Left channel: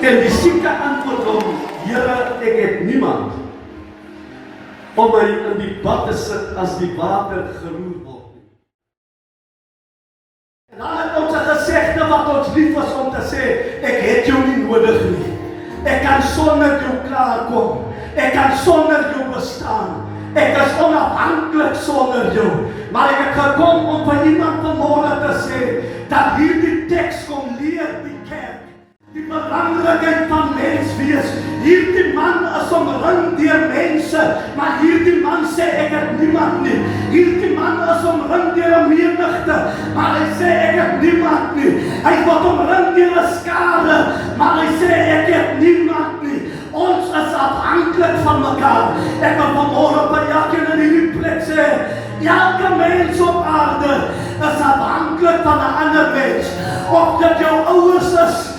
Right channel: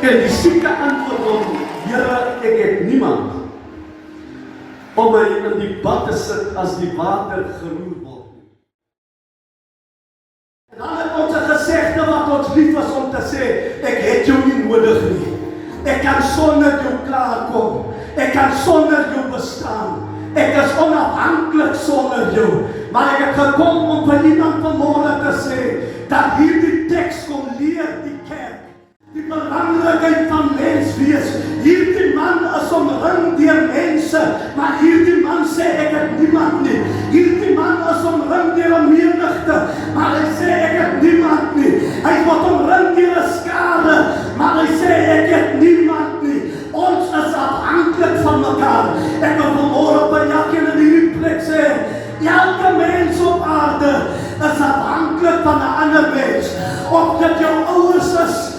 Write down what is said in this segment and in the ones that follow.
En die sieke antwoord hom, Here, ek het niemand om my in die bad te sit as die water geroer word nie. En dan het ons 'n gesegde wat ons lief is om te sê, ek het jou nie nodig nie. Ek kan sonder jou klaarkom. Ek kan sonder jou bestaan. Ek is onafhanklik sonder jou. Maar ek het gekom om vir iemand vanmôre te sê, dat hierdie teks kom leer die kerk die belangrikheid van mens wees. Hierdie man is omring deur mense, maar hierdie man sê ek het niemand nie. Hierdie man is omring deur 'n menigte, maar hy sê ek het niemand nie. Hy word omring deur 'n skare, maar hy sê ek het niemand nie. Ons is afhanklik van mekaar. Ek wil vanmôre by elkeen in hierdie plek sê, elke mens op aarde is afhanklik van 'n ander mens. Of dit jou ouers is,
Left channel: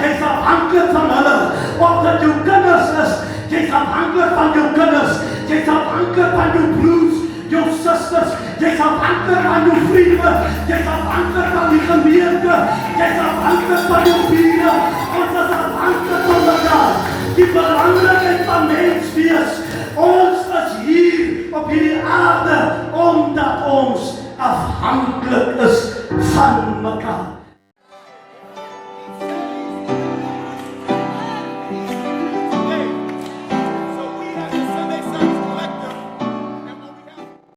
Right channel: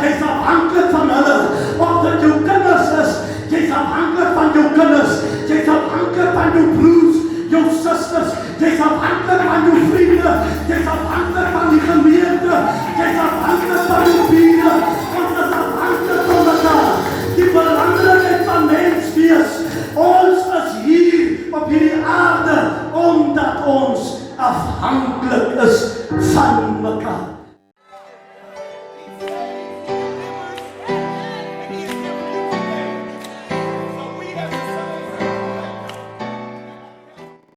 jy is afhanklik van hulle. Of dit jou kinders is, jy is afhanklik van jou kinders. Jy is afhanklik van jou broers, jou susters. Jy is afhanklik van jou vriende. Jy is afhanklik van die gemeente. Jy is afhanklik van jou bure. Ons is afhanklik van mekaar. Die belangrikheid van mens wees. Ons is hier op hierdie aarde omdat ons afhanklik is van mekaar.